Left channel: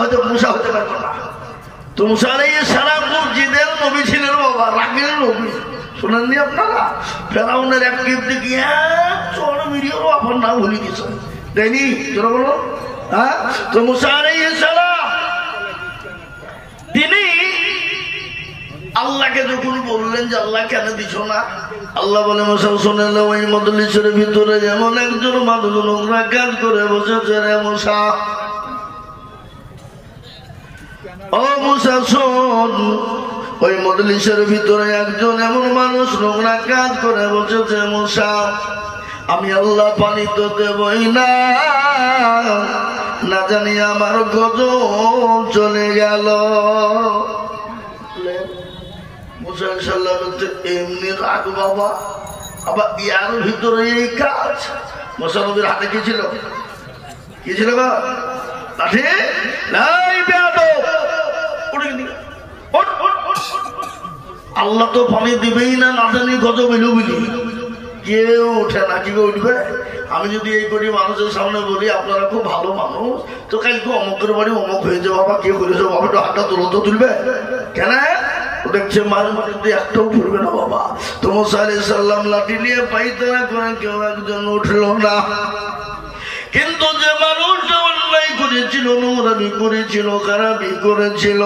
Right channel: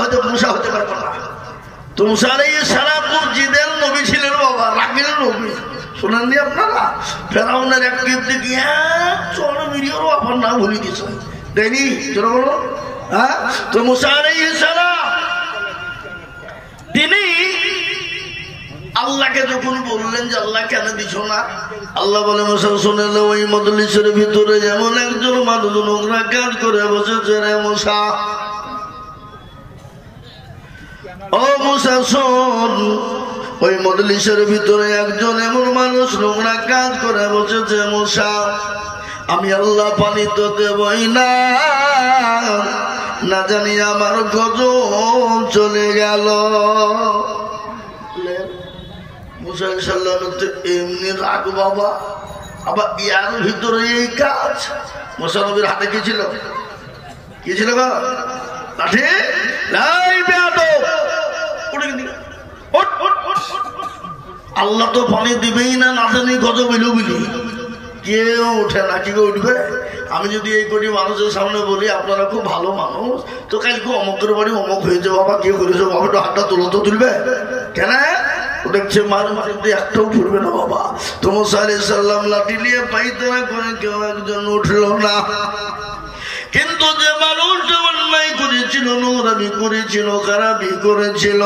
হয়তো মুসা হতে পারবো না। তো মুসা আলাইহিস সালাম জিদের নবী ছিলেন বাবা, রাগের নবী। শুনেননি আপনারা? ফেরাউনের এক কীর্তি কি চড় মিরিয়েরও আপনার নাম ভুলে গেছে, তাইনি? চলো বলো। হ্যাঁ, তো মুসা আলাইহিস সালাম তিনি আল্লাহকে যখন বললেন যে আল্লাহ কেন দিছ না, আল্লাহ বলে মুসা শুনেন ওই মজলিসের ভিতরে যেমন একজন মানুষ নোংরা কাজ করে বসেছে রে মুসা, ও মুসা শোন, ওই মজলিসের ভিতরে একজন এমন মানুষ নোংরা কাজ করে বসেছে মুসা, আমি আল্লাহ পানি তো দেবই না, না জানি আমার গজব চলে গেল। মুসা সাল্লামের তো এমনি রাগ বাবা, আবার ইয়ার ভিতরে এই কাজ। মুসা নবীর হাতে কি ছিল? কি ছিল গো? লাঠি? আল্লাহ তো পানি দিবেই না, না জানি গজব এলো বলি কেউ উঠে না। কি উঠবে? আমি যদি এই কটি মানুষের সামনে বলি আপনারা খুব ভালো মানুষ, তো কালকে অমকের বাড়ি অমক হয়েছে বাবা, কে করেছে বাবা, একটু হাতটা তো তুলবে কেন? দেখছে মায়ের মধ্যে একটাও ফুরবে না বাবা। তো মুসা আলাইহিস সালাম লাঠি নিয়ে পাইতারা করে কেউ একজন উঠলো না। কিন্তু যে মানুষটা অন্যায় করেছিল, নোংরামি করেছিল, খারাপি করেছিল,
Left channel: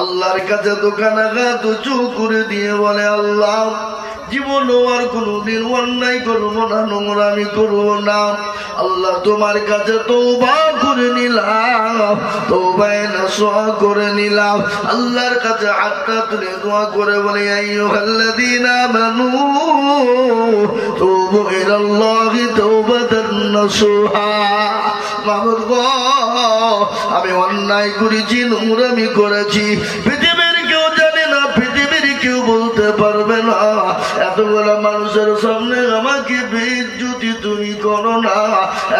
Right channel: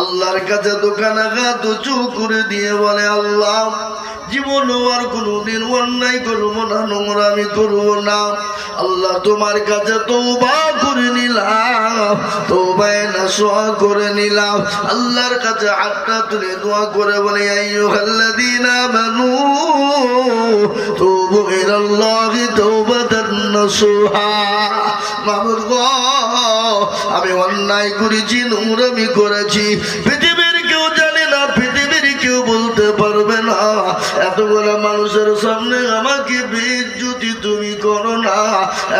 আল্লাহর কাছে দোকানাঘাত উঁচু করে দিয়ে বলে আল্লাহ জীবন আর কোনদিন অন্যায় করবো না, নোংরামি করবো না। আল্লাহ তোমার কাছে তওবা করে নিলাম, তওবায়ে নসুহা করে নিলাম। আল্লাহর কাছে হাতটা তুলে দোয়া করে বলে আইয়ুহাল্লাযীনা আমানু তুবু ইলাল্লাহি তাওবাতান নসুহা। মাবুদ গো, আমি অন্যায় করেছি, নোংরামি করেছি, পৃথিবীর কেউ জানে না, পৃথিবীর কেউ বলতে পারবে না, এতগুলো মানুষের সামনে আমাকে বেইজ্জতি তুমি করো না,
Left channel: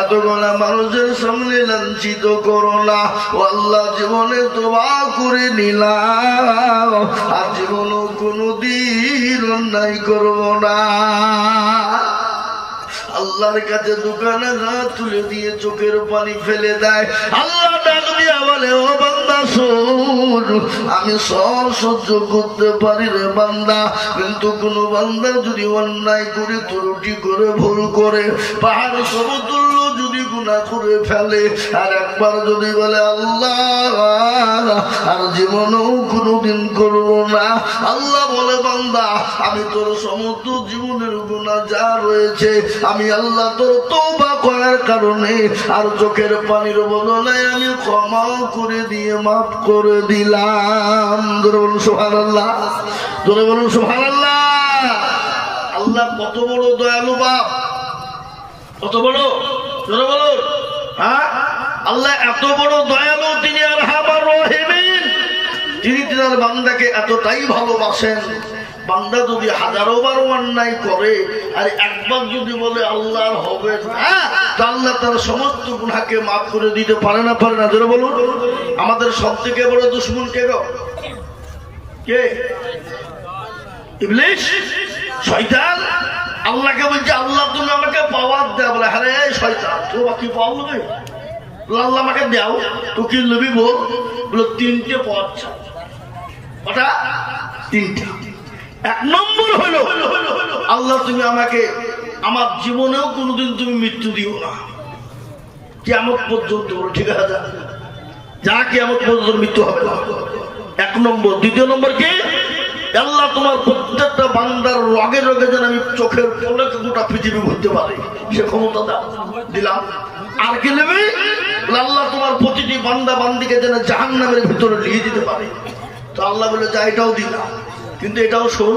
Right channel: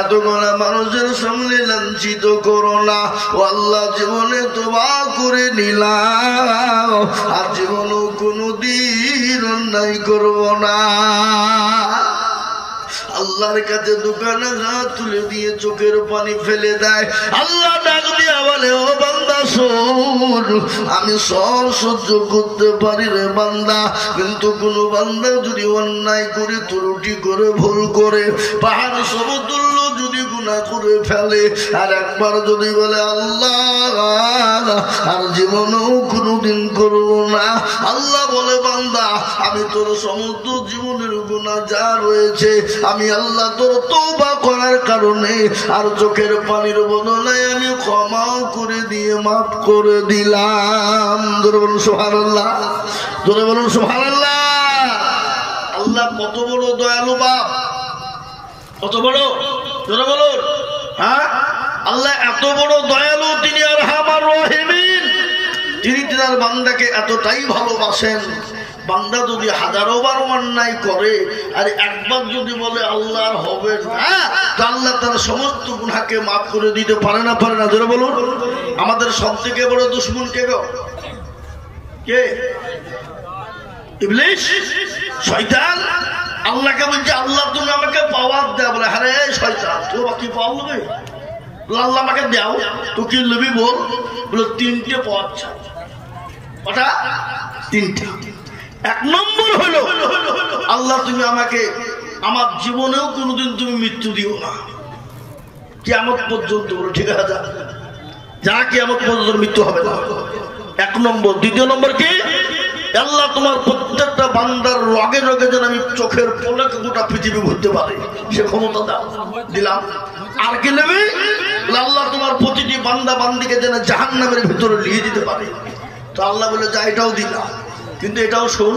এতগুলো মানুষের সামনে লাঞ্ছিত করো না। ও আল্লাহ জীবনে তওবা করে নিলাম, আর জীবনে কোনোদিন অন্যায় করব না। আল্লাহর কাছে দোকানে হাত তুলে দিয়ে চোখের পানি ফেলে দেয়। আল্লাহ ডাক দিয়া বলে ও বান্দা শোন, আমি সব সহ্য করতে পারি রে বান্দা, কিন্তু কোন বান্দা যদি অন্যায় করে, ত্রুটি করে, ভুল করে, পাহাড় সমতুল্য যদি গুনাহ করে ফেলে, আর একবার যদি বলে আল্লাহ আর জীবনেও কোনোদিন করব না, আল্লাহ বলে বান্দা আমি তোর সমস্ত জীবনের গুনাহ যা রয়েছে আমি আল্লাহ তোর তওবা করার কারণে আর চোখের পানির বদলে আমি ক্ষমা করে দিয়ে মাফ করে দিলাম। জোরে বলুন সুবহানাল্লাহ, জোরে বলুন সুবহানাল্লাহ। আল্লাহ কত বড় দয়ালু বাপ, কত বড়, জোরে বলুন। হ্যাঁ, আল্লাহ এত বড় দয়ালু, তিনি আরহামার রাহিমিন, তিনি তার বান্দাকে এতটাই ভালোবাসেন। বান্দা যদি হাজারো বার অন্যায় করে আর একবার যদি বলে আল্লাহ হবে না, আল্লাহ তার সমস্ত গুনাহকে মাফ করে দিতে পারে না, পারে না? জোরে বলুন। আমাদের সব থেকে বড় দুশমন কে গো? কে? ইবলিস, শয়তান। আল্লাহকে বলছে আল্লাহ তুমি আমাকে পাওয়ার দাও, বলে আরে শয়তান তোর কি পাওয়া নেবে, আল্লাহ আমাকে দাও, তো কি নেবি বল, বলে তিনটে পথ, ওটা তিনটে। এক নম্বর হলো আল্লাহ তুমি আমাকে আমার জীবনেও কোনোদিন তুমি মৃত্যু দিও না, কিয়ামত পর্যন্ত। ঠিক আছে, যা কিয়ামত পর্যন্ত মৃত্যু হবে না, এক নম্বর। দ্বিতীয় নম্বর কি? আল্লাহ তোমার প্রত্যেকটা বান্দার লগে লগে যেন আমি চোখের পলকে গোটা পৃথিবী ঘুরতে পারে, সে ক্ষমতা দাও, দিলাম। আর কি নেবে? আল্লাহ তোমার প্রতিটি বান্দা বান্দিকে যেন জাহান্নামের ভিতরে নিয়ে দিতে পারে। তো আল্লাহ বলে যা এটাও দিলাম, কিন্তু এটাও শোন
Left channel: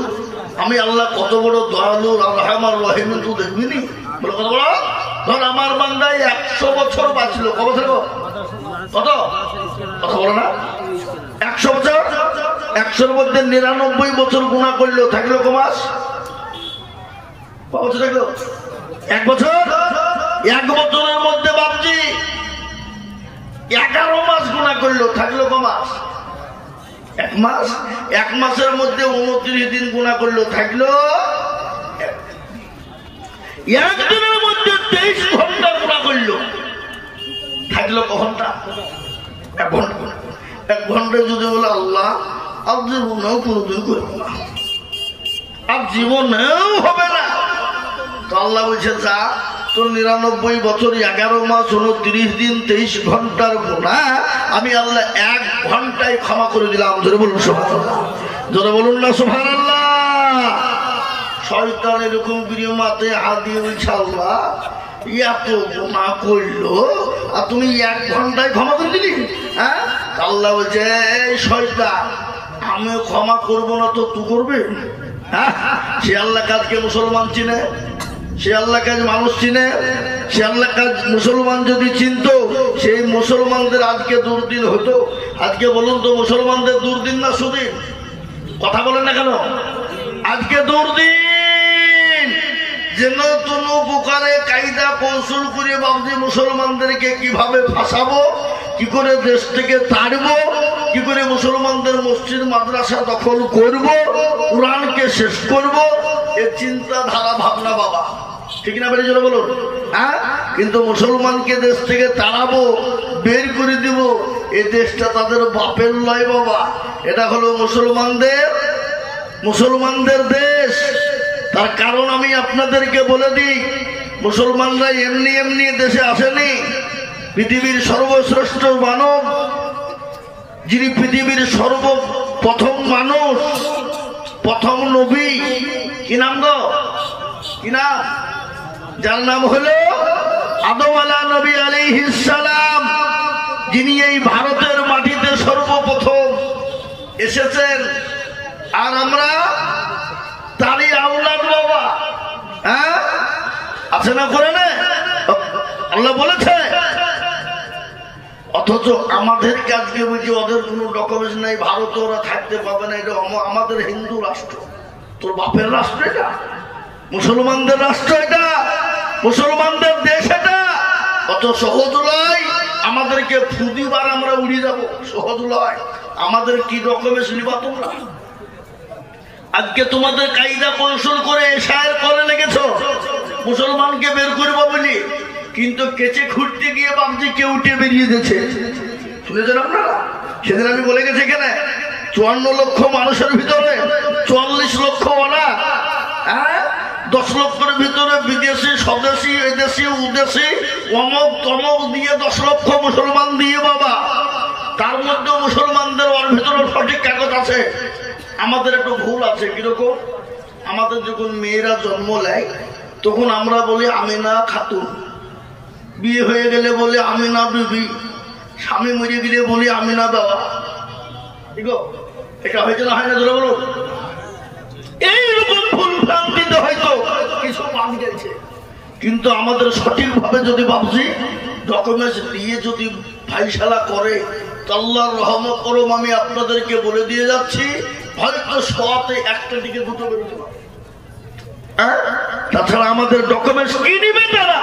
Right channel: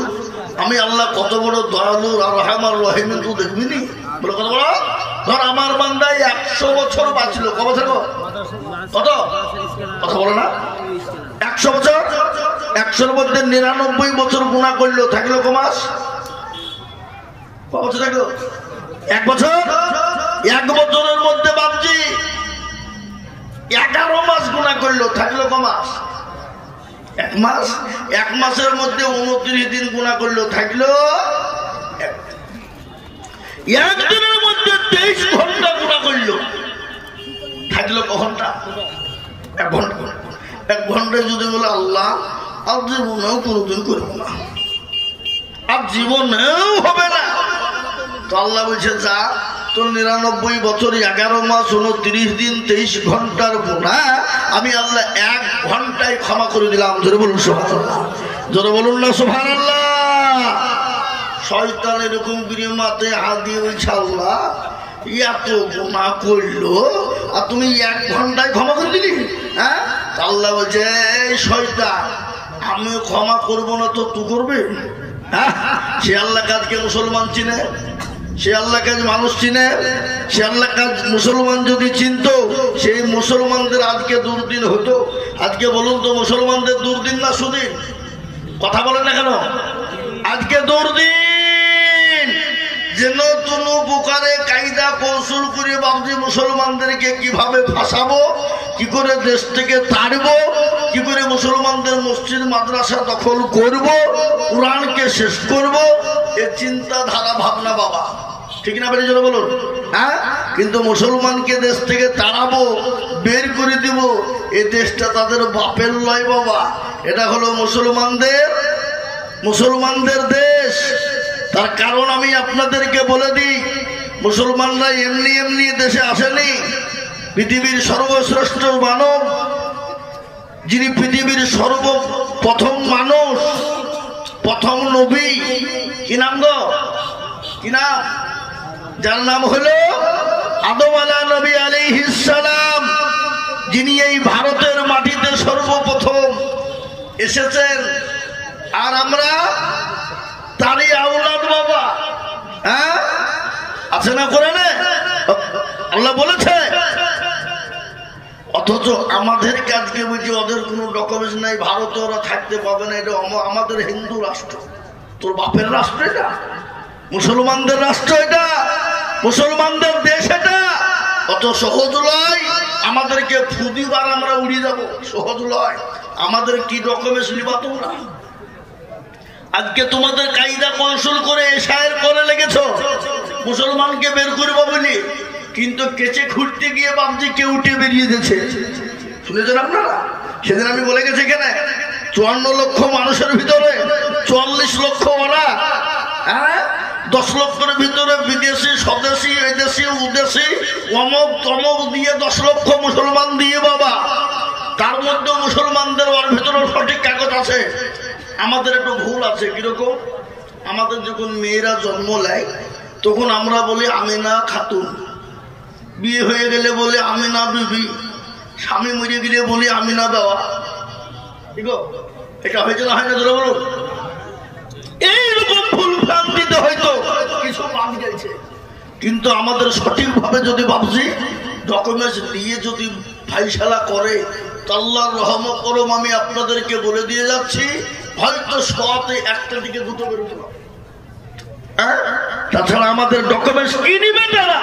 আমি আল্লাহ কত বড় দয়ালু আর রহমান রহিম, তুই দেখবিনি? বলে কত বড়? ধর আমার বান্দায় 100 বছর বাঁচল, কত বছর? কত কথা বলো না? 100 বছর। 100-র মধ্যে 99 বছর গুনাহ করলো, থাকলো ক মাস? কত বছর থাকলো? 1 বছর। 1 বছরের মধ্যে বাপজি 11 মাস গুনাহ করলো, থাকলো ক মাস? 1 মাস। 1 মাসের মধ্যে 29 দিন গুনাহ করলো, থাকলো 1 দিনের মধ্যে 23 ঘন্টা গুনাহ করলো, থাকলো ক ঘন্টা? এক ঘন্টায় যদি বলে আল্লাহ আর জীবনেও কোনোদিন করবো না, আর জীবনেও হবে না, তো আল্লাহ বলছে যা তোর 99 বছর 11 মাস 29 দিন 23 ঘন্টার গুনাহ আমি আল্লাহ 1 ঘন্টায় ক্ষমা করে দিলাম। জোরে বলুন সুবহানাল্লাহ, জোরে বলুন না সুবহানাল্লাহ। শয়তান এরকম গিয়ে মাথায় হাত দিয়ে বলছে আল্লাহ এত গুনাহ করলো আর তুমি 1 ঘন্টায় ক্ষমা করে দিলি? হ্যাঁ, আল্লাহ বলছে এই শয়তান আমি ক্ষমা করবো না তো তুই করবে? হ্যাঁ, সে আল্লাহ কাজকে মুসলমান চিনে, সে আল্লাহ কাজ মানুষ চিনে, সে আল্লাহ কাজ মুসলমান যদি চিনত সেই মুসলমানদের আজকে দুর্দিন হতো। আজকে বলুন তো মুসলমানদের দুর্দিন না সুদিন? কথা বলেন না কেন? আজকে দুর্দিন। যেন কোনো প্রকারে কায়দা কৌশল করে ভাবছি মুসলমানদেরকে কিভাবে ফাঁসাবো, কি করে দেশ থেকে তাড়বো, কি করে মুসলমানদের মসজিদ মাদ্রাসা দখল করব, কোরআনকে শেষ করব, এর চিন্তাধারা ভাবনা বাবা, ঠিক না? বেরিয়ে চলে বলুন। হ্যাঁ, কিন্তু মুসলমানকে দেশ থেকে তাড়াবো, বের করে দিব, এই দেশটা তাদের বাপের লয় বাবা, এটা হলো মুসলমানদের দেশ। তার কারণ আমি আপনাদেরকে বলে দিই, মুসলমানরা এমনি এমনি দেশে আসেনি। পৃথিবীর সর্বশ্রেষ্ঠ মানব, যিনি পৃথিবীর সর্বপ্রথম মানুষ, প্রথম নবী, কি নাম গো? কি নাম? যার নাম হলো আদম নবী আলাইহিস সালাম, যিনি এই ভারতের মাটিতে সর্বপ্রথম এসেছেন। আর আমরা তারই আওলাদ বাবা। হ্যাঁ, আছে না? করে না আল্লাহ বলেছে। অথচ আমাদের কাজকে বুঝি ওদের কোনো ডকুমেন্টস নাই, ভারতে ওরা থাকতে পাবে না, এটা আমাদের হিন্দু রাষ্ট্র। তোর বাপের রাষ্ট্র এটা, মুসলমানদের রাষ্ট্র এটা, মুসলমানদের দেশ এটা। অত সহজ লয় আমাদেরকে ফুদিবার আমরা উড়িয়ে যাবো, সহজ লয়। আমাদের কি ডকুমেন্টস নিবা তোমরা? আজকে তোমাদের কায়দা কৌশল করে এশায়ের কলে লেগেছ মুসলমানকে বের করবো বলি, কিন্তু কেচে খুঁড়তে গিয়ে ভাবছি কেউ উঠে বেরিয়ে গেছে। শুনেছেন আপনারা? সেদিন আমি বলে গেছি এখানে 54 লক্ষ মানুষের ভিতরে 44 লক্ষ ওরা, হ্যাঁ, 10 লক্ষের ভিতরে বিদেশি, স্বদেশি, এদেশি, উদেশি, অমক তমক দিয়ে 10 লক্ষ মুসলমান দিয়ে বাবা। তার মধ্যে মুসলমানদের ওর ভিতরে সঠিক কাগজ আছে। আমাদের একটু ভুল আছে। কিরকম? আমাদের যখন মেয়েরা জন্ম নেয় তখন আমরা বলি আমিনা খাতুন, বিয়ে হয়ে গেলে বলে আমিনা বিবি, স্বামী মরে গেলে বলি আমিনা দেওয়া। ঠিক, এটা হয়েছে না? হয় না? ধরে বলুন। এইরকম ভুল ভ্রান্তিতে হয়তো কিছু মান গেছে, কিন্তু আমাদের সঠিকভাবে যদি ভাবছি ডকুমেন্টস দিয়ে যদি ফাইসালা করে, আল্লাহর রহমত করম আমি আপনাদেরকে বলে দিয়ে যাচ্ছি, হয়তো 100তে 1টা দিকে 2টো বেরোতে পারে। তাছাড়া আমাদের ডকুমেন্টস কি নিবে তারা?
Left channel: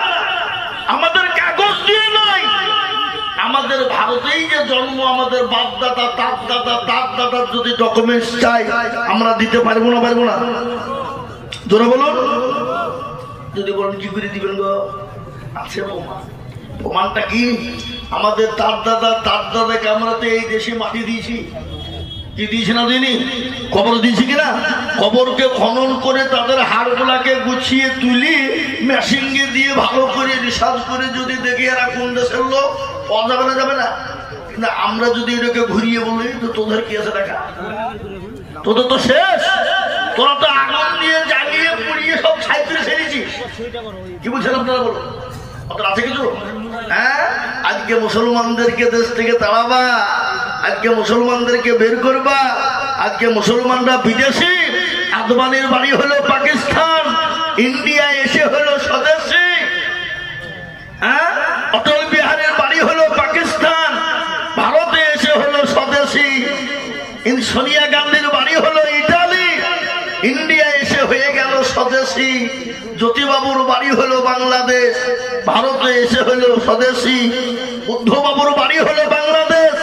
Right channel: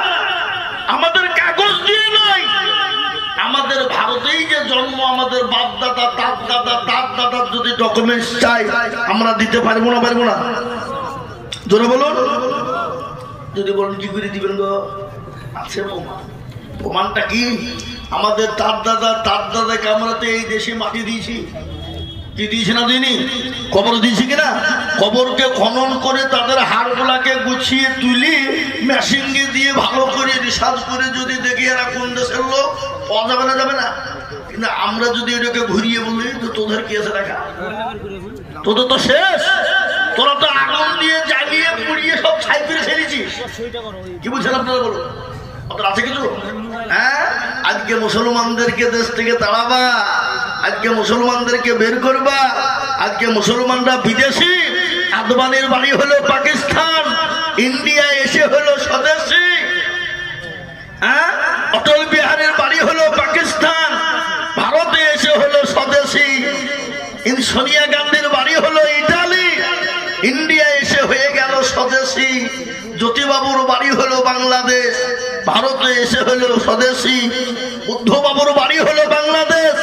আমাদের কাগজ দিয়ে নয়, আমাদের ভারতেই যে জন্ম, আমাদের বাপ দাদা, তার দাদা, তার দাদার যদি ডকুমেন্টস চাই আমরা দিতে পারবো না? পারবো না? জোরে বলুন। যদি বলেন কি করে দিবেন গো? আছে প্রমাণ। প্রমাণটা কি? আমাদের তার দাদাকে আমরা তো এই দেশে মাটি দিয়েছি। কি দিয়েছি না দিইনি? কবর দিয়েছি কিনা? কবরকে খনন করে তাদের হাড়গুলাকে গুছিয়ে তুলি মেশিন দিয়ে ভালো করে রিসার্চ করে যদি দেখি এরা কোন দেশের লোক, পাওয়া যাবে না? যাবে না? কিন্তু আমরা যদি এটাকে ঘুরিয়ে বলি তো তোদের কি আছে দেখা? তোদের তো শেষ। তোরা তো আগুন দিয়ে জ্বালিয়ে পুড়িয়ে সব ছাইতে ফেলেছিস। কি বুঝছেন আপনারা? বলুন, আপনার আছে কিছু? হ্যাঁ, আজকে মুসলমানদেরকে দেশ থেকে তাড়াবা, আজকে মুসলমানদেরকে বের করবা, আজকে মুসলমানরা বিদেশি। আদবানির বাড়ি হলো পাকিস্তান, ইন্ডিয়া এসে হলো স্বদেশী। হ্যাঁ, অটল বিহারের বাড়ি হলো পাকিস্তান, ভারতে এসে হলো স্বদেশী। সোনিয়া গান্ধীর বাড়ি হলো ইটালি, ইন্ডিয়া এসে হয়ে গেল স্বদেশী। জ্যোতিবাবুর বাড়ি হলো বাংলাদেশ, ভারতে এসে হলো স্বদেশী। বুদ্ধবাবুর বাড়ি হলো বাংলাদেশ,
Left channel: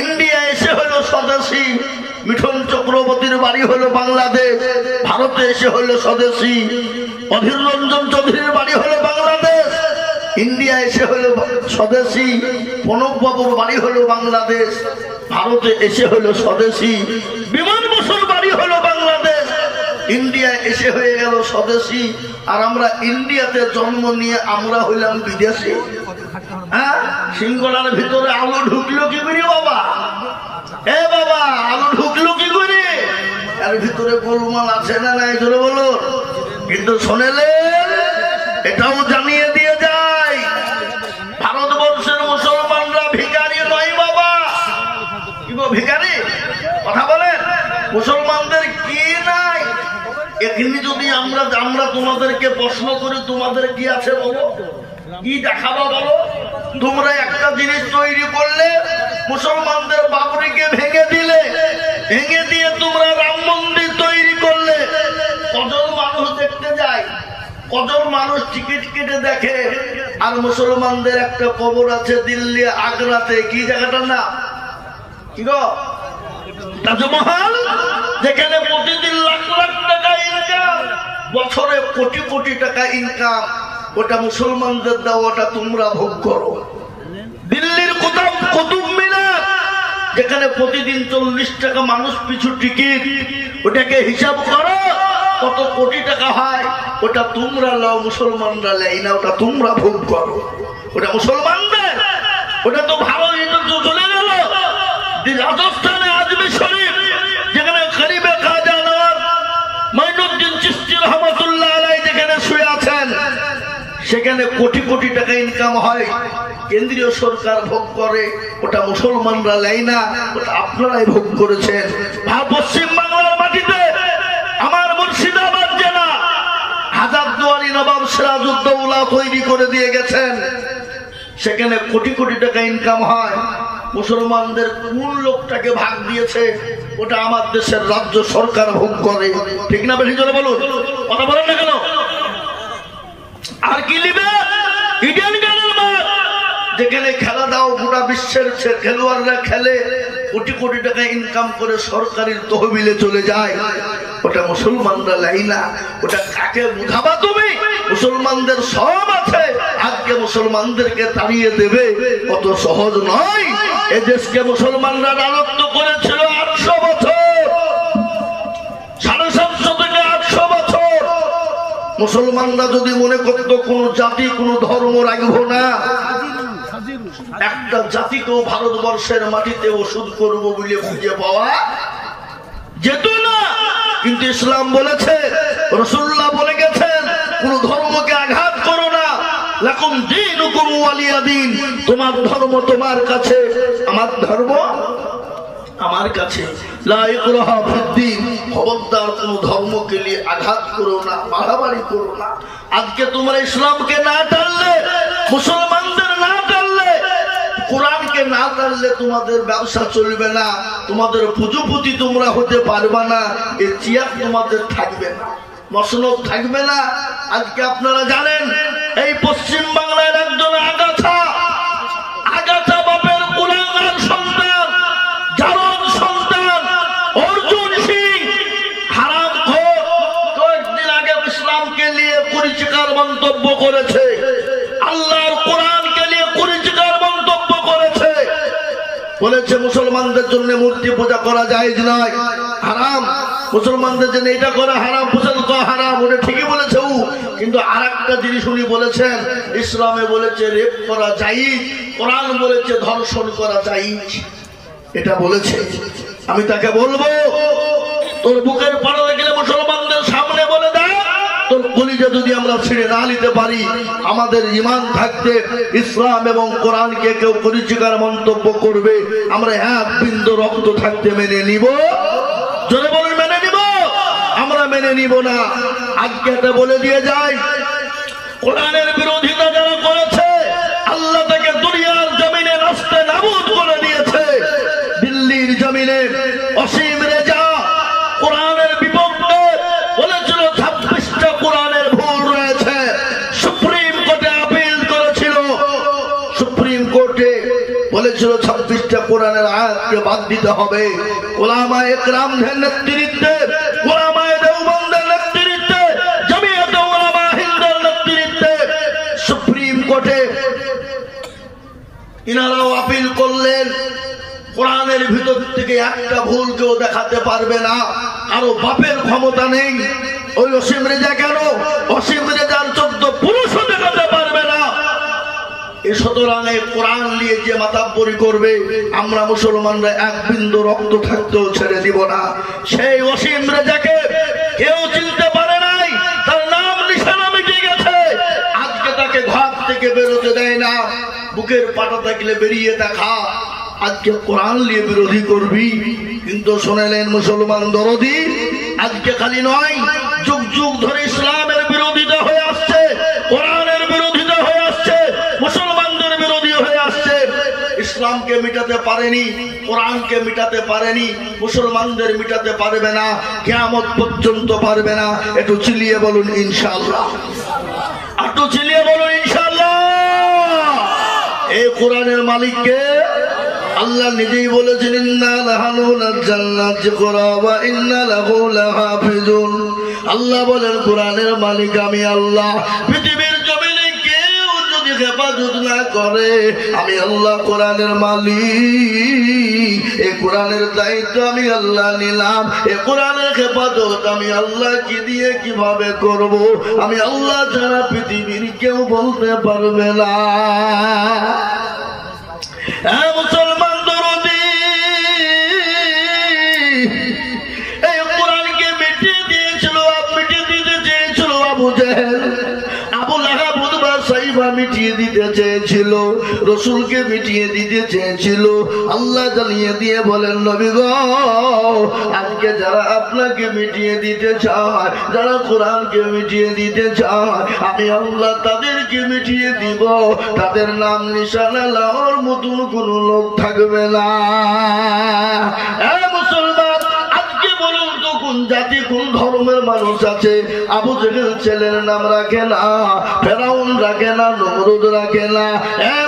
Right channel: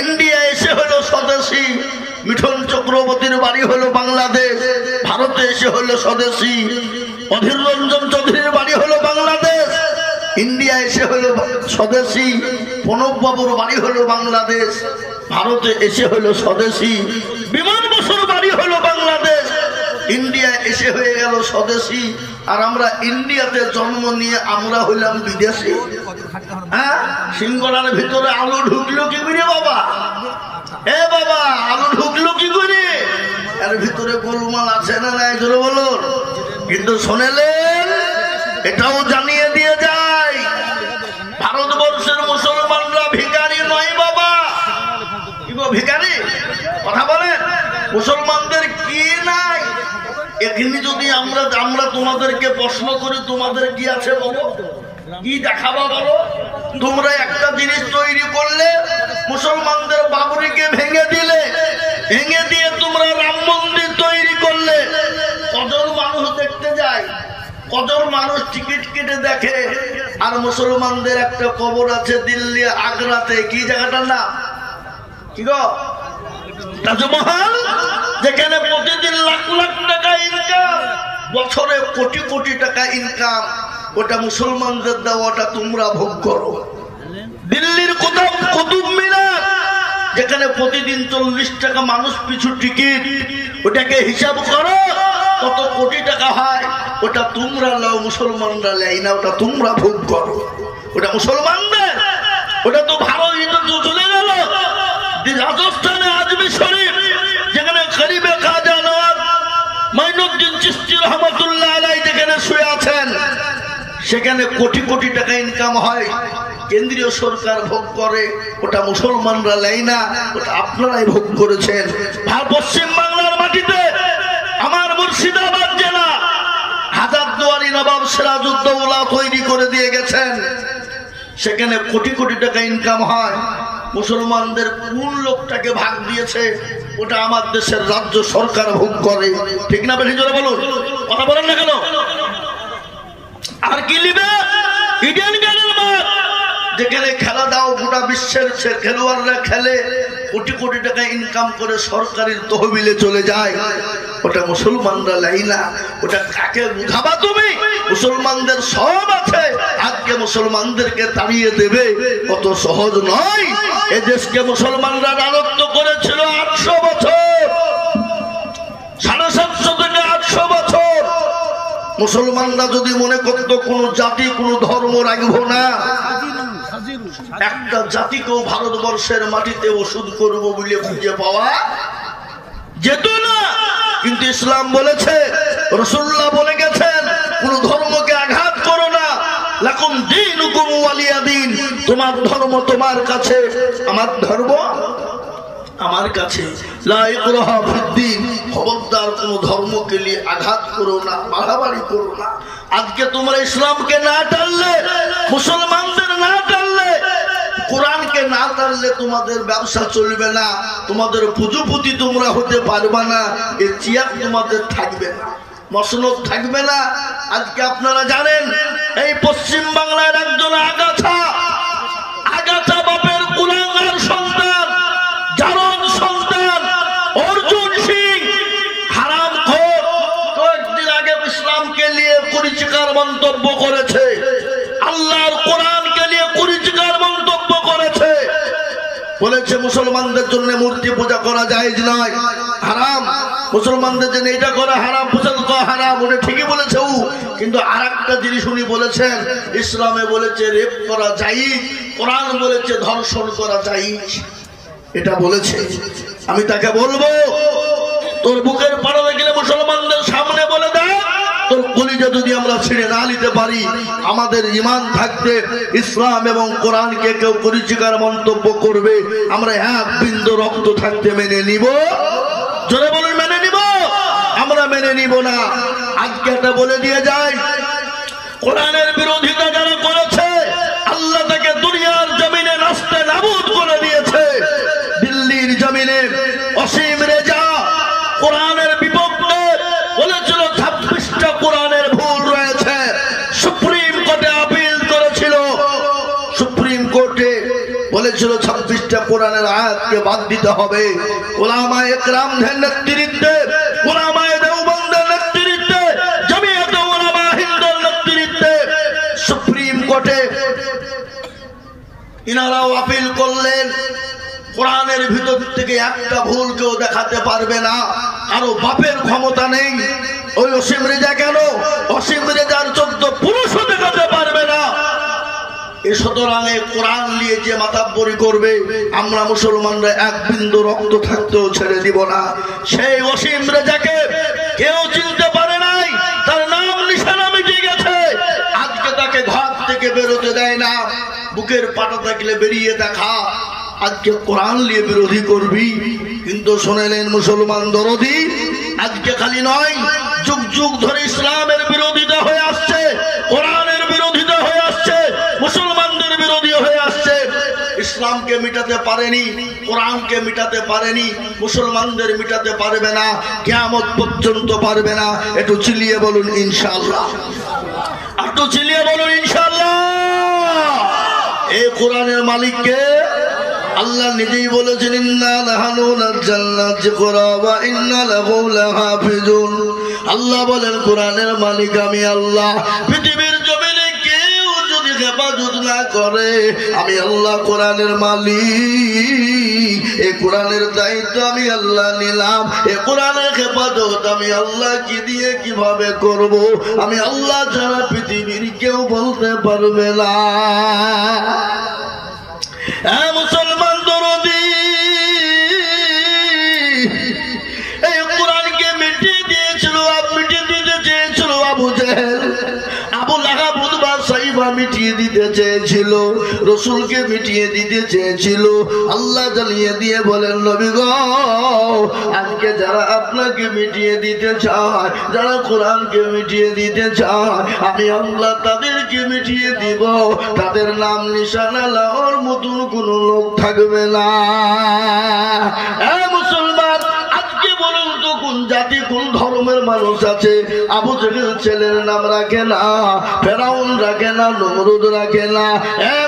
ইন্ডিয়া এসে হলো স্বদেশী। মিঠুন চক্রবর্তীর বাড়ি হলো বাংলাদেশ, ভারতে এসে হলো স্বদেশী। অধীর রঞ্জন চৌধুরীর বাড়ি হলো বাংলাদেশ, ইন্ডিয়া এসে হলো স্বদেশী। প্রণব বাবুর বাড়ি বাড়ি হলো বাংলাদেশ, ভারতে এসে হলো স্বদেশী, বিমান বসুর বাড়ি হলো বাংলাদেশ, ইন্ডিয়া এসে হয়ে গেল স্বদেশী, আর আমরা ইন্ডিয়াতে জন্ম নিয়ে আমরা হইলাম বিদেশি। হ্যাঁ, সিংহরার ভিতরে আলু ঢুকলো কি করে বাবা? এ বাবা, আলু ঢুকলো কি করে? এর ভিতরে গোলমাল আছে না নাই চলো বলো। কিন্তু শোনেলেন, এটাও জানিয়ে দিয়ে যায়, ভারতবর্ষের মুসলমানরা ভিখারি নয় বাবা। কি গো ভিখারি? কথা বলেন, মুসলমানদের কি নাই? এখানে যদি আমরা তোমাদেরকে প্রশ্ন করি, তোমাদের কি আছে বলো? কি দেখাবো বলো? তোমরা একটা জিনিস তৈরি করলে, মুসলমানদের বাবরিকে ভেঙে দিলে, ভেঙে দিয়ে তোমরা রাম মন্দির তৈরি করলে, কজন মানুষ দেখতে যায়, কজন মানুষ টিকিট কেটে দেখে। আর মুসলমানদের একটা কবর আছে দিল্লি আগ্রাতে, কি জায়গাটার নাম কি গো? তাজমহল, যেখানে প্রতিদিন লাখ লাখ টাকা ইনকাম, বছরে কোটি কোটি টাকা ইনকাম, ওটা মুসলমানদের দেওয়া, ওটা তোমরা ভোগ করো। দিল্লির কোথাও কুতুব মিনার, যেখানে প্রতিদিন 40 টাকা মানুষ পিছু টিকিট, ওটাকে হিসাব করো কত কোটি টাকা হয়, ওটা তোমরা লাও, মুসলমানরা লাই না, ওটা তোমরা ভোগ করো। ওটা মুসলমানদের, ওটা তো ভালো চলে গেল। রাজস্থানে আজমির শরীফ, যেখানে গরিবে খাজা মাইনুদ্দিন চিশতি রহমাতুল্লাহ আলাইহি যেখানে শুয়ে আছেন, সেখানে কোটি কোটি টাকা ইনকাম হয়, কেন্দ্রীয় সরকার ভোগ করে, ওটা মুসলমানরা লাই না, ওটা আপনারাই ভোগ করেছেন। পশ্চিম বাংলার মাটিতে আমার মুর্শিদাবাদ জেলা হাজারদুয়ারি নবাব সিরাজউদ্দৌলা তৈরি করে দিয়ে গেছেন, সেখানে কোটি কোটি টাকা ইনকাম হয়। মুসলমানদের কোন লোকটাকে ভাগ দিয়েছে, ওটা আমার দেশের রাজ্য সরকার ভোগ করে। ঠিক না বেশি জোরে বলুন, কথা বলেন না কেন? আর কি লিবে? ইডেন গার্ডেন মাঠ, যেখানে খেলা দাও গোটা বিশ্বের খেলোয়াড়রা খেলে, কোটি কোটি টাকা ইনকাম করে সরকারের তহবিলে চলে যায়, ওটা মুসলমানরা লাই না। ওটা কাকে বুঝাবা তুমি? মুসলমানদের সব আছে, আজকে মুসলমানদেরকে তাড়িয়ে দেবে অত সহজ নয়। এ দেশকে মুসলমানরা রাজত্ব করেছিল 800 বছর, 750 থেকে 800 বছর। মুসলমানরা যদি মনে করত কোন জাতি কোন ধর্ম রাখবো না, একটা জাতিকেও ভারতবর্ষের মাটিতে ওষুধ করবো বলে খুঁজে পাওয়া যেত না। কিন্তু ইসলাম বলেছে, রাসূলুল্লাহ বলে গেছেন, কোন ধর্মকে আঘাত করো না, লাকুম দীনুকুম ওয়ালিয়া দীন, তোমার ধর্ম তোমার কাছে, আমার ধর্ম আমার কাছে। লা ইকরাহা ফিদ্দীন, খবরদার কোন ধর্মকে নিয়ে আঘাত করো না, বাড়াবাড়ি করো না। আজকে তোমরা ইসলামকে না টানলে, মুসলমানদের না টানলে, কোরআনকে না টানলে তোমাদের ব্যবসা চলবে না, তোমাদের পুঁজিপতি তোমরা হতে পারবে না, এই চেয়ার তোমাদের থাকবে না, মসনদ থাকবে না। আজকে আপনারা জানেন, এই পশ্চিম বাংলার একজন আগাছা বাপের কুলাঙ্গার সন্তান, জারদ সন্তান অর্জুন সিং হারামখোর, কয়েকদিন আগে ইসলামকে নিয়ে কুরুচিকর মন্তব্য করেছে, আল্লাহর কোরআনকে নিয়ে কুরুচিকর মন্তব্য করেছে, বলেছে মুসলমানদের জন্য মূর্তি পূজা করা জায়েজ নয়, হারাম, মুসলমানদের জন্য এটা করা হারাম, পূজা করা হারাম। ওটা ঠিকই বলেছে ও, কিন্তু আরেকটা জিনিস উনি বলেছেন, ইসলামে বলেছে রেপ করা জায়েজ, কোরআন বলেছে ধর্ষণ করা জায়েজ, এটা বলেছে। আমি তাকে বলবো, তোর বুকের পাড়াতে গেলে মুসলমানদের সামনে বলে দেয়, তোর কলিজা যদি আমরা ছেড়ে না নিতে পারি, আমাদের ঈমান থাকতে ইসলাম এবং কোরআনকে কেউ কুরুচিকর মন্তব্য করবে, আমরা এক বিন্দু রক্ত থাকতে মেনে নিব? জোরে বলুন, মেনে নিব? আমরা মেনে নিব না। আজকে এটা বলে দিয়ে যায়, কোরআনের বিরোধিতা যারা করেছে, আল্লাহ তাকে দুনিয়ার জমিনে নাস্তে নাবুদ করে দিয়েছে। দিল্লির জমিনে অসীম রেজা কোরআনের বিপক্ষে বলেছিল 26টা কোরআনের ভুল রয়েছে, সুপ্রিম কোর্টে আপিল করেছিল, সুপ্রিম কোর্টে বলেছিল 26টা কোরআনের আয়াতকে বাদ দিতে হবে। উলামায়ে ইকরামদের নেতৃত্বে, উলামায়ে দেওবন্দের নেতৃত্বে, জমিয়তে উলামা হিন্দের নেতৃত্বে সুপ্রিম কোর্টে ইনারাও আপিল করলেন কোরআনের ভিতর থেকে একটা ভুল কেউ দেখাতে পারবে না, কারো বাপের ক্ষমতা নেই। ওই অসীম রেজা কেন? অসীম রেজার 14 পুরুষও দেখাতে পারবে না। সুতরাং এই কোরআন নিয়ে যে মাতাব্বরি করবে, আমরা মুসলমানরা এক বিন্দু রক্ত থাকতেও ছেড়ে দিব না। সেই অসীম রেজাকে কেউ চিনতে পারে নাই, তার নাম নিশানা মিটে গেছে। আজকে তাকে ঘর থেকে বেরোতে দেয় না, বুকের পাটা থাকলে বেরিয়ে দেখা। আজকে কোরআন নিয়ে বিরোধী করবি, কিন্তু শুনেলেন মুসলমান দরদি, আজকে খালি নয়, যুগ যুগ ধরে ইসলামের বিরোধিতা হয়ে আসছে, কোরআনের বিরোধিতা হয়ে আসছে, মুসলমানদের বিরোধী হয়ে আসছে। ইসলামকে মিটাতে পারেনি, কোরআনকে মিটাতে পারেনি, মুসলমানদের মিটাতে পারবে না, কিয়ামত পর্যন্ত পারবে না। একটু চিলিয়ে বলুন ইনশাআল্লাহ, একটু চিলিয়ে বলুন ইনশাআল্লাহ। এই কোরআনের মালিককে আল্লাহ নিজেই বলেছেন, ইন্না লাহনু নাযালনা যিকরা ওয়া ইন্না লাহু লাহাফিজুন। আল্লাহ বলেন কোরআনের মালিক আমি আল্লাহ। পৃথিবীর জমিনে কেউ যদি হেফাজত না করে, আমি আল্লাহ কোরআনের মালিক। এই কোরআনের দায়িত্ব আমি আল্লাহ নিলাম। এই কোরআনের হেফাজত আমি আল্লাহ কি দিয়ে কিভাবে করব, আমি আল্লাহ ছাড়া পৃথিবীর কেউ বলতে পারবে না। মুসলমান দরদি, এই কোরআনকে মিটিয়ে দিয়েছিল, মিটিয়ে দিতে চেয়েছিল আবু জেহেল, আবু লাহাব, উতবা, সাইবা মিটিয়ে দিতে চেয়েছিল, রসুলকে মিটিয়ে দিতে চেয়েছিল। আল্লাহ জানিয়ে দিয়ে বলেন, নবী গো, আজকে যারা আপনাকে মিটিয়ে দিতে চায়, যারা কোরআনকে মিটিয়ে দিতে চায়, আমি আল্লাহ তাদেরকে মিটিয়ে দিব। তাদের নাম নিশানা লাওয়ার মতন কোন লোক থাকবে না। মুসলমান, আজকে বলুন তো কোন জাতি কোন ধর্মের মানুষ আছে আবু জেহেল ছেলের নাম রাখে না, ফেরাউন রাখে না, নমরুদ রাখে না?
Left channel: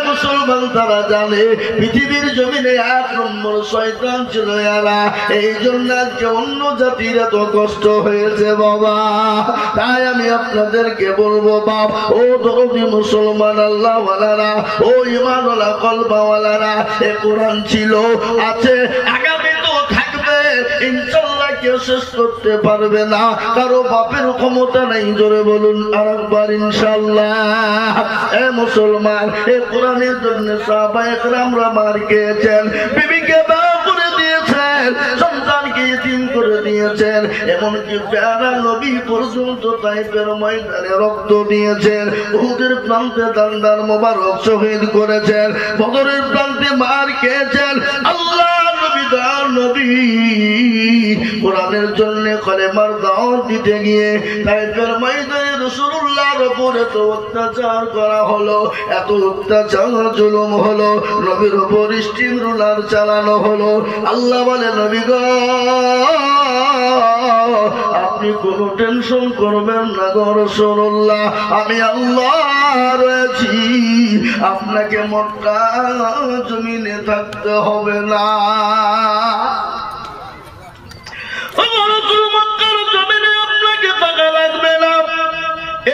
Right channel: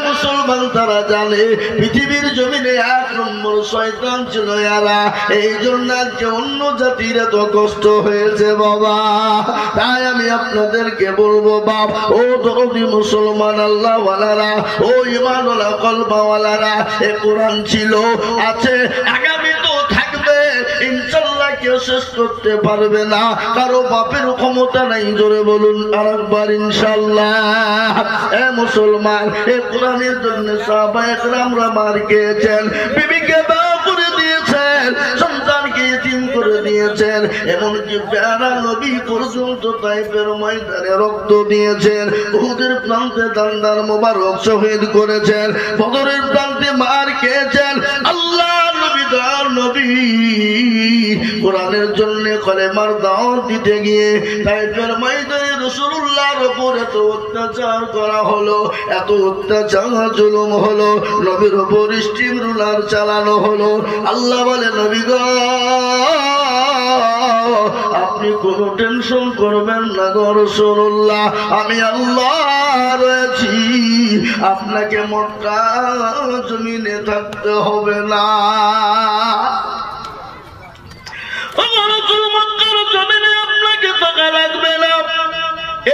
মুসলমান, তারা জানে পৃথিবীর জমিনে 1 নম্বর শয়তান ছিল এরা। এই জন্য আজকে অন্য জাতির এত কষ্ট হয়েছে বাবা। তাই আমি আপনাদেরকে বলবো, বাপ ও দরদি মুসলমান আল্লাহ ওয়ালারা, ও ঈমানওয়ালা কলবাওয়ালারা, এ কোরআন ছিল, আছে, আগামী তো থাকবে ইনশাআল্লাহ। কেউ শেষ করতে পারবে না, কারো বাপের ক্ষমতা নাই। জোরে বলুন আরেকবার ইনশাআল্লাহ। মুসলমান, এ কোরআনের জন্য সাহাবায়ে কেরামরা মার খেয়েছেন, বিবিকে বিয়ে করে দিয়েছেন, সন্তানকে ইতিম করে দিয়েছেন, এমনকি প্যারা নবী পর্যন্ত তাইফের ময়দানে রক্ত দিয়েছেন, উহুদের প্রান্তে দান্দার মোবারক শহীদ করেছেন, বদরের প্রান্তে মার খেয়েছেন। আল্লাহ নবী কোরআনের জন্য কলেমার দাওয়াত দিতে গিয়ে তাইফের ময়দানে রাসূলুল্লাহর উপরে তো অত্যাচার করা হলো, এত অত্যাচার জুলুম হলো, নবীর উপর স্টিম রুলার চালানো হলো। আল্লাহ বলে, নবী গো, আপনি কোন টেনশন করবেন না গো রাসূলুল্লাহ, আমি আল্লাহ রয়েছি, আপনাকে মক্কা জমিনে থাকতে হবে না। মক্কার জমিনে আপনাকে থাকা লাগবে না।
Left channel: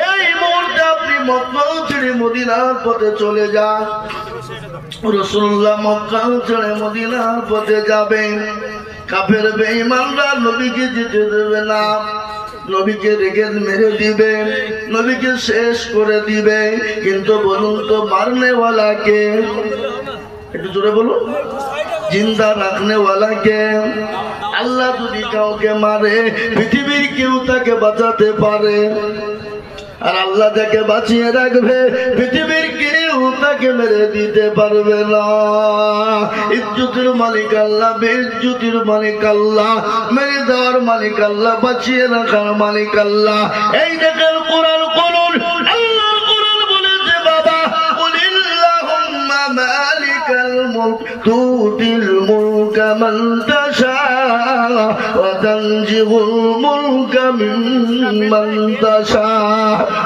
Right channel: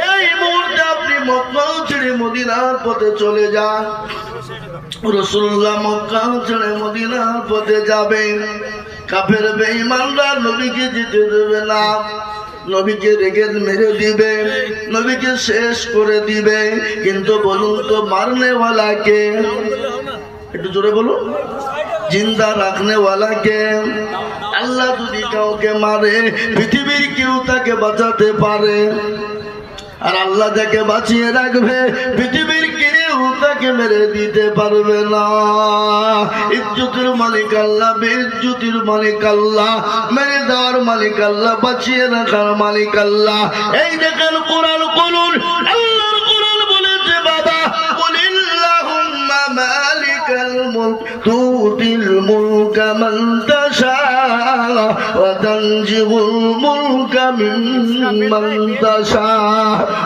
এই মুহূর্তে আপনি মক্কা ছেড়ে মদিনার পথে চলে যান। রাসূলুল্লাহ মক্কা ছেড়ে মদিনার পথে যাবেন। কাফের বেঈমানরা নবীকে যেতে দেবে না, নবীকে রেগে মেরে দিবে, নবীকে শেষ করে দিবে। কিন্তু বলুন তো, মারনেওয়ালাকে, একটু জোরে বলুন, জিন্দা রাখনেওয়ালাকে? আল্লাহ যদি কাউকে মারে, পৃথিবীর কেউ তাকে বাঁচাতে পারে? আর আল্লাহ যাকে বাঁচিয়ে রাখবে, পৃথিবীর কেউ তাকে মেরে দিতে পারবে না। ইজ্জতের মালিক আল্লাহ, বেইজ্জতির মালিক আল্লাহ, মেরে দেওয়ার মালিক আল্লাহ, বাঁচিয়ে রাখার মালিক আল্লাহ। এই দেখেন কোরআন, করুন আল্লাহর কোরআন বলেছে, বাবা কুলিল্লাহুম্মা মালিকাল মুলক তুতিল মুলকা মান তাশা ওয়া তানজিউল মুলকা মিম্মান তাশা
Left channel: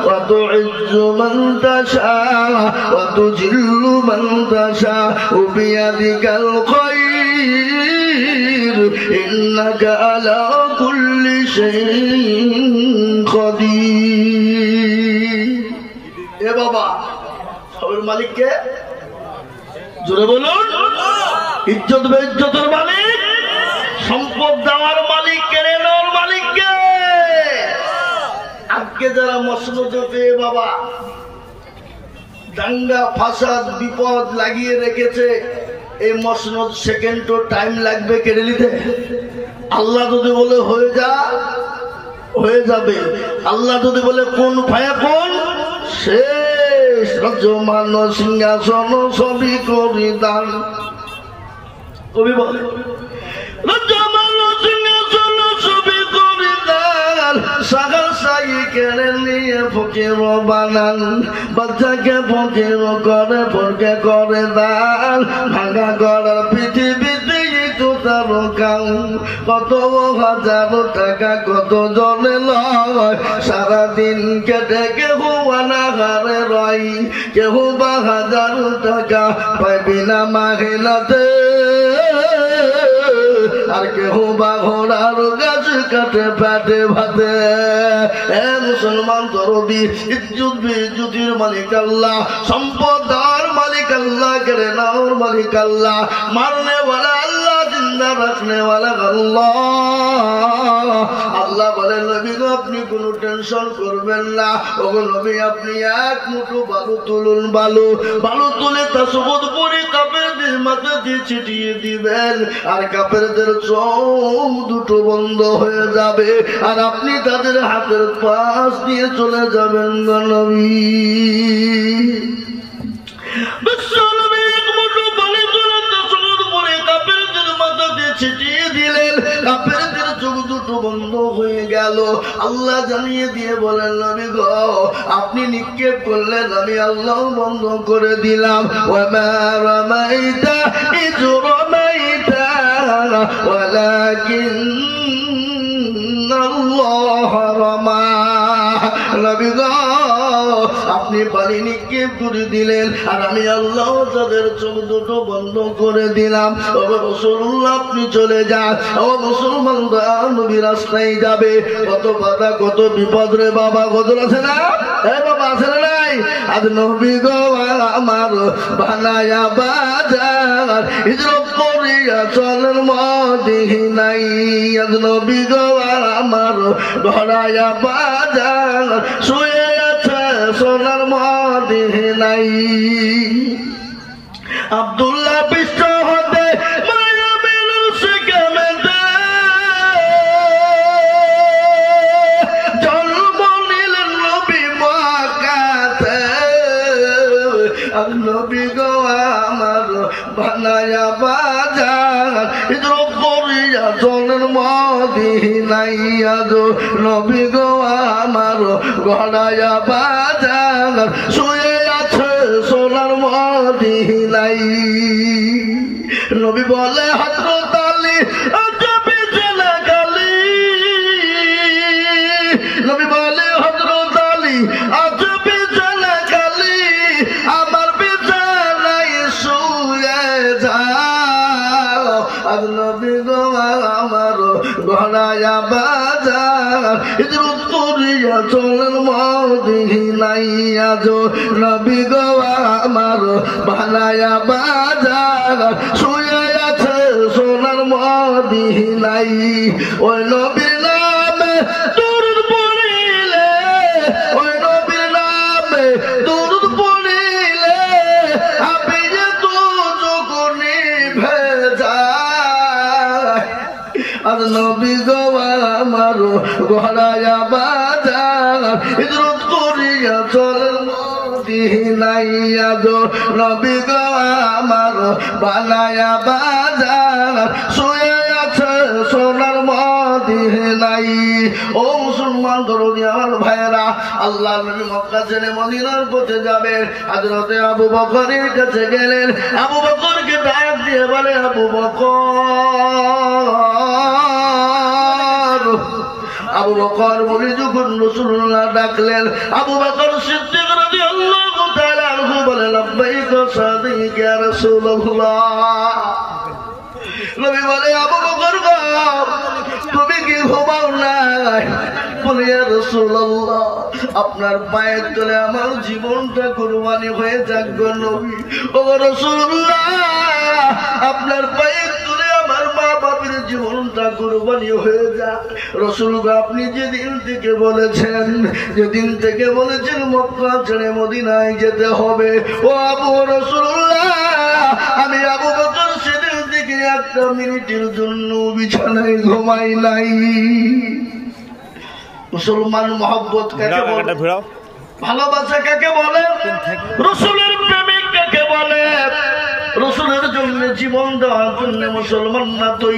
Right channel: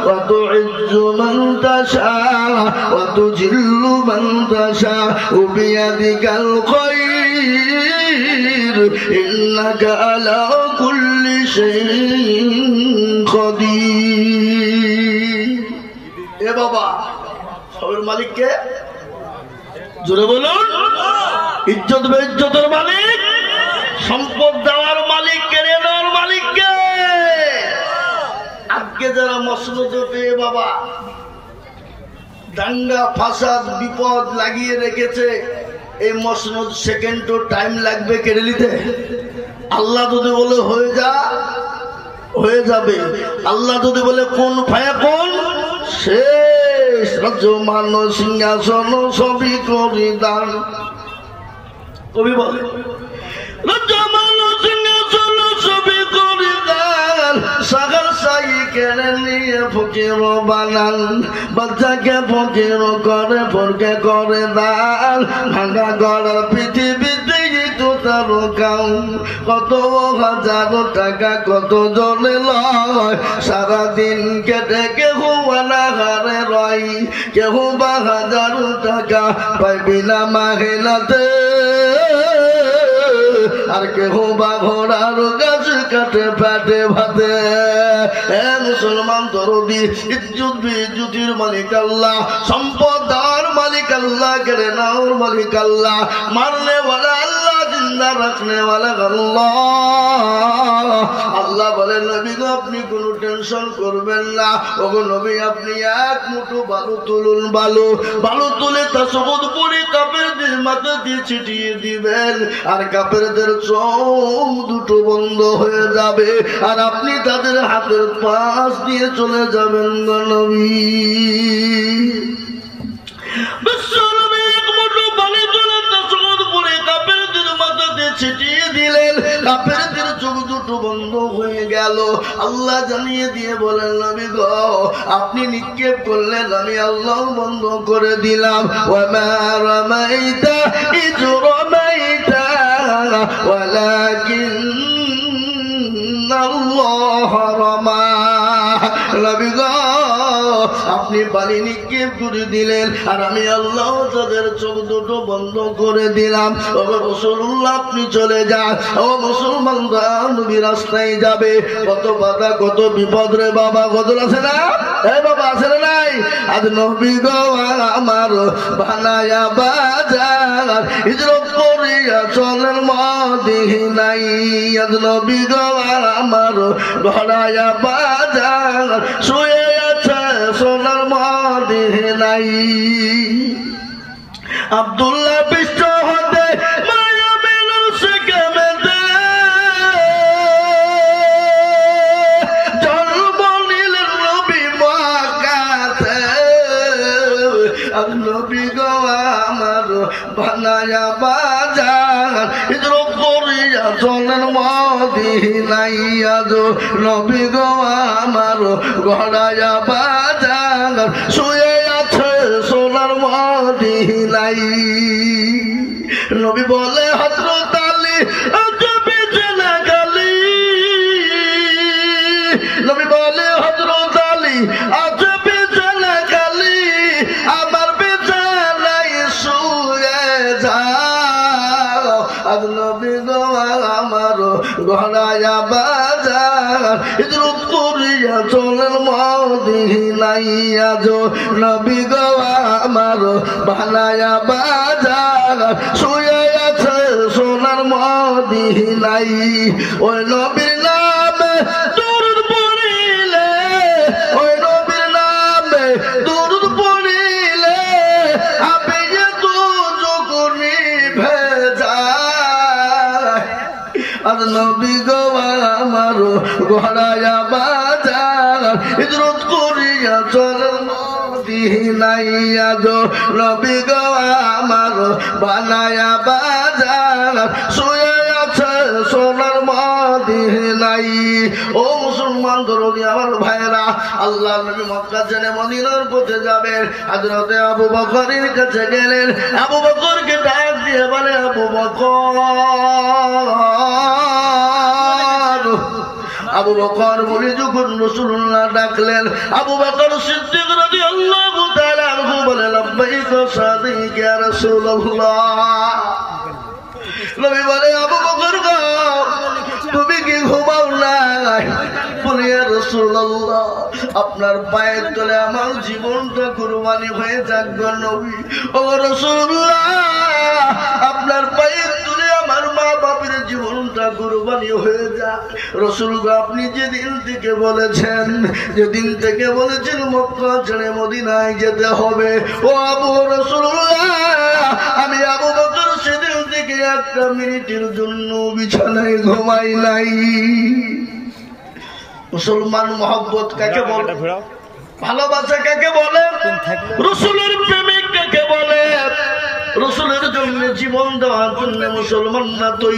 ওয়া তুইজ্জু মান তাশা ওয়া তুজিল্লু মান তাশা বিয়াদিকাল খায়র ইন্নাকা আলা কুল্লি শাইইন কাদির। এ বাবা, সবের মালিক কে? জোরে বলুন। ইজ্জত বেইজ্জতের মালিক, সম্পদ দেওয়ার মালিক, কেড়ে নেওয়ার মালিক কে? আজকে যারা মসনদে পেয়ে বাবা দাঙ্গা ফাসাদ বিপদ লাগিয়ে রেখেছে, এই মসনদ সেকেন্ডও টাইম লাগবে কেড়ে নিতে। আল্লাহ যদি বলে হয়ে যা, হয়ে যাবে। আল্লাহ যদি বলে কোন ভায়া কোন, শেষ। রাজ্যমান সিংহাসন সবই করি দান। কবি বলে রাজ্যমান সিংহাসন সবই করি দান, সাগর সাই কেড়ে নিয়ে ফকির বানান। বাচ্চাকে ফকির করে, ফরকে করে দান। ভাঙা গড়ার পৃথিবীতে তার কাম, কত হাজার টাকা কত জনে লয়। সারাদিন কেটে কেহ অনাহারে রয়, কেহ বা হাজার টাকা পায় বিনা মাহিনাতে, আর কেহ বা ঘোড়ার গাছ কাটে পেটে ভাতে। মুসলমান দরদি, ইজ্জত বেইজ্জতির মালিক আল্লাহ, সম্পদ দেওয়ার মালিক আল্লাহ, কেড়ে নেওয়ার মালিক আল্লাহ, মারনে ওয়ালা আল্লাহ, জিন্দা রাখনে ওয়ালা আল্লাহ। আল্লাহ বলেন নবী গো আপনি কোনো টেনশন করবেন না। ওগো নবী আপনি এক মুঠো বালু তুলুন, বালু তুলে তাসবুদ পরে কাফেরদের মাথা দিয়ে ছিটিয়ে দিবেন, আর কাফেরদের চোখ দুটো বন্ধ হয়ে যাবে, আর আপনি তাদের হাতের পাশ দিয়ে চলে যাবেন গো নবী। ছিটিয়ে দিলেন, কাফেরদের চোখ দুটো বন্ধ হয়ে গেল। আল্লাহ জানিয়ে দিয়ে বলেন নবী গো আপনি নিক্ষেপ করলেন, আমি আল্লাহ বন্ধ করে দিলাম। ওয়ামা রামাইতা ইয রামাইতা ওয়ালাকিন্নাল্লাহ রামা। নবী গো আপনি বালি নিক্ষেপ করে দিলেন, আর আমি আল্লাহ তাদের চোখ দুটো বন্ধ করে দিলাম। ও রাসূলুল্লাহ আপনি চলে যান। ও মুসলমান নবী রাস্তায় যাবে, কত বাধা কত বিপদ রে বাবা, কত আছে না? এই বাবা আছে না নাই? আজ নবী গো আমার বানায়া বাজার, হিজরত করিয়া চলেন মদিনায়। আজ নবী গো আমার ঘরায়া বাজার, শুয়ে আছে সোনার মদিনায়। আব্দুল্লাহ বিশ্ব হতে মায়া মেলুন সেখানে জন্ম নিলেন নবী মক্কাতে। আর নবী গো আমার বানায়া বাজার, হিজরত করিয়া চলেন মদিনায়। আজ নবী গো আমার ঘরায়া বাজার, শুয়ে আছে সোনার মদিনায়। নবী বলে হযরত আলী যাবি জেলে গালি, নবী বলে হযরত আলী যাবি জেলে গালি, আমার বিছানায় শুয়ে যাও। আজ নবী গো আমার ঘরায়া বাজার, হিজরত করিয়া চলেন মদিনায়। আজ নবী গো আমার বানায়া বাজার, শুয়ে আছে সোনার মদিনায়। ওই নবীর নামে দুরূদ পড়িলে, ওই নবীর নামে দুরূদ পড়িলে হাবিয়ে দুজক নিভে যায়। আর নবী গো আমার ঘরায়া বাজার, হিজরত করিয়া চলেন মদিনায়। আজ নবী গো আমার বানায়া বাজার, শুয়ে আছে সোনার মদিনায়। ও মুসলমান দরদি আমার ভাইয়েরা, আল্লাহ নবী মক্কা ছেড়ে মদিনার পথে যাবেন। হযরতে আবু বকরের কাছে গেলেন। আবু বকরকে ডাক দিয়ে বলে আবু বকর। আবু বকর বলে যখন রাসূলুল্লাহ ডাকলেন, আবু বকর সিদ্দিক রাদিয়াল্লাহু তাআলা আনহু বলে লাব্বাইক সাদিক ইয়া রাসূলুল্লাহ। নবী বলে আবু বকর গো তুমি কি ঘুমাও নাই? বলে ইয়া রাসূলুল্লাহ আপনার পায়ের তলে আমার জীবনটা কুরবানি হয়ে যাক গো নবী। ও রাসূলুল্লাহ, আপনার পায়ের তলে আমার মা বাবার জীবনটা কুরবানি হয়ে যাক। রাসূল গো, আপনি যেদিন থেকে বলেছেন মক্কা ছেড়ে মদিনায় যেতে হবে, ও আবু রাসূলুল্লাহ, আমি আবু বকর সেদিন থেকে একটা মিনিটের জন্য বিছানায় ঘুমাই নাই। মুসলমান মহব্বত কাকে বলে? ভালোবাসা কাকে বলে? রাসূলের প্রেমিক কাকে বলে? রাসূলের জন্য জীবন দেওয়ার জন্য মুসলমানরা তৈরি।